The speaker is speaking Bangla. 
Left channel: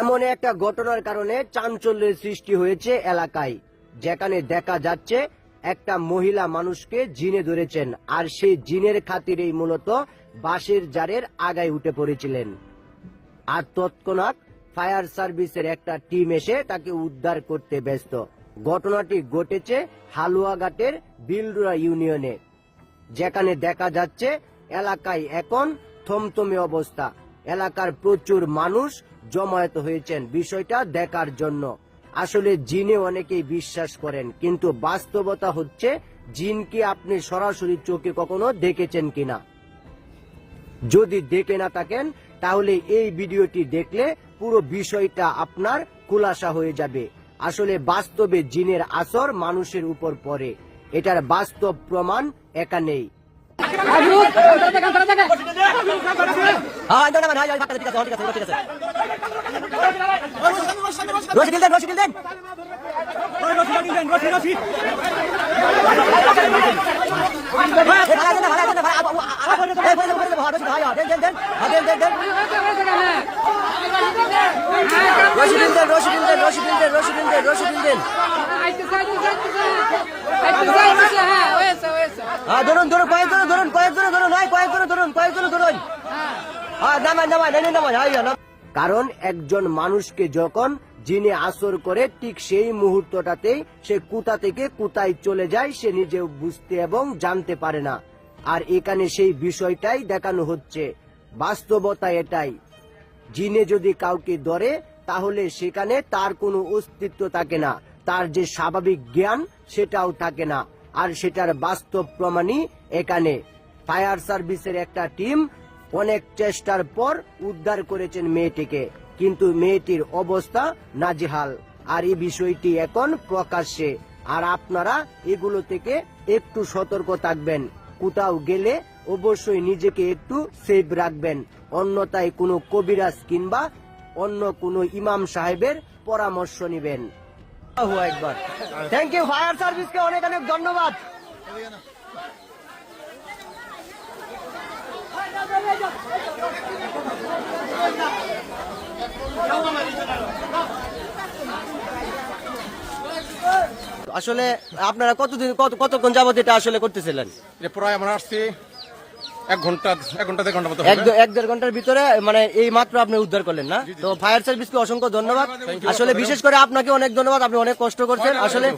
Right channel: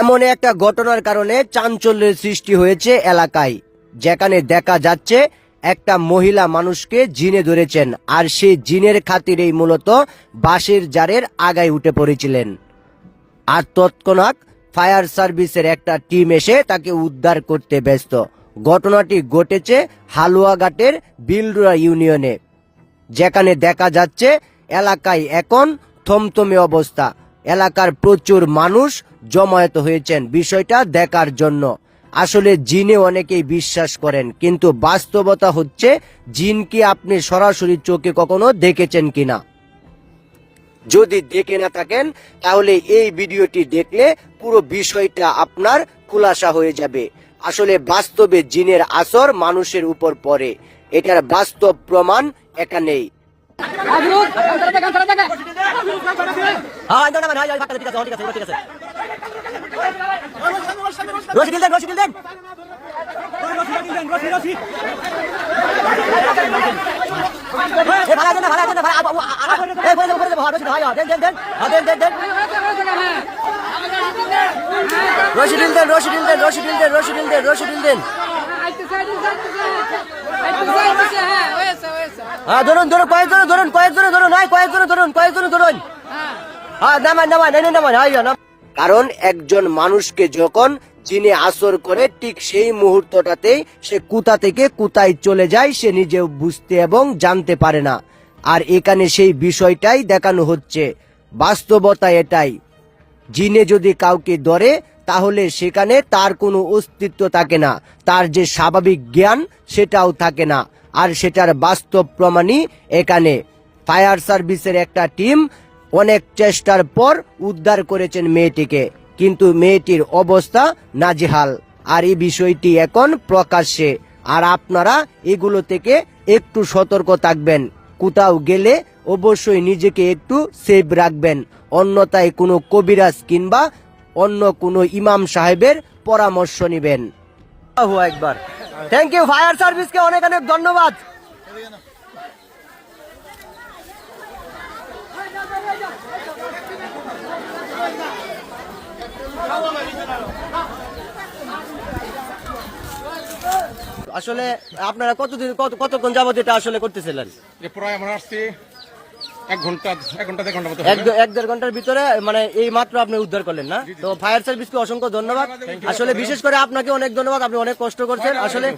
এমন একটা ঘটনার কারণে চাঞ্চল্যের সৃষ্টি হয়েছে এলাকায়, যেখানে দেখা যাচ্ছে একটা মহিলা মানুষকে জিনে ধরেছেন, আর সেই জিনের খাতিরেই মূলত বাঁশের জারের আগায় উঠে পড়েছিলেন। আর তৎক্ষণাৎ ফায়ার সার্ভিসের একটা টিম এসে তাকে উদ্ধার করতে ব্যস্ত। ঘটনাটি ঘটেছে হালুয়াঘাটের বিলরুয়া ইউনিয়নে, যেখানে দেখা যাচ্ছে এলাকায় এখন থমথমে অবস্থা। এলাকার প্রচুর মানুষ জমায়েত হয়েছেন বিষয়টা দেখার জন্য। আসলে জিনে অনেকেই বিশ্বাস করেন, কিন্তু বাস্তবতা হচ্ছে জিন কি আপনি সরাসরি চোখে কখনো দেখেছেন কিনা? যদি দেখে না থাকেন তাহলে এই ভিডিওটি দেখলে পুরো বিষয়টা আপনার খুলাসা হয়ে যাবে। আসলে বাস্তবে জিনের আসর মানুষের উপর পড়ে, এটার বাস্তব প্রমাণ এখানেই। কারণ একজন মানুষকে যখন জিনে আসর করে ঠিক সেই মুহূর্তটাতেই সে কোথা থেকে কোথায় চলে যায় সে নিজেও বুঝতে এবং জানতে পারে না। আর এখানে সেই বিষয়টাই দেখানো হচ্ছে। বাস্তবতা এটাই, জিনে যদি কাউকে ধরে তাহলে সেখানে তার কোনো অস্তিত্ব থাকে না, তার যে স্বাভাবিক জ্ঞান সেটাও থাকে না। আর সেটার বাস্তব প্রমাণই এখানে। ফায়ার সার্ভিসের একটা টিম অনেক চেষ্টার পর উদ্ধার করেছেন মেয়েটিকে, কিন্তু মেয়েটির অবস্থা নাজেহাল। আর এই বিষয়টি এখন প্রকাশ্যে। আর আপনারা এগুলো থেকে একটু সতর্ক থাকবেন। কোথাও গেলে অবশ্যই নিজেকে একটু সেভ রাখবেন, অন্যথায় কোনো কবিরাজ কিংবা অন্য কোনো ইমাম সাহেবের পরামর্শ নেবেন। একবার থ্যাংক ইউ ফায়ার সার্ভিসকে অনেক অনেক ধন্যবাদ। আসলে আপনারা কতক্ষণ যাবত এটা আসলে করতেছিলেন? প্রায় আমরা আসছি এক ঘন্টা মতো, এক দেড় ঘন্টার ভিতরে, মানে এই মাত্র আপনি উদ্ধার করলেন না? তো ফায়ার সার্ভিসকে অসংখ্য ধন্যবাদ। আসলে বিশেষ করে আপনাকে অনেক ধন্যবাদ, আপনি অনেক কষ্ট করছেন আসলে।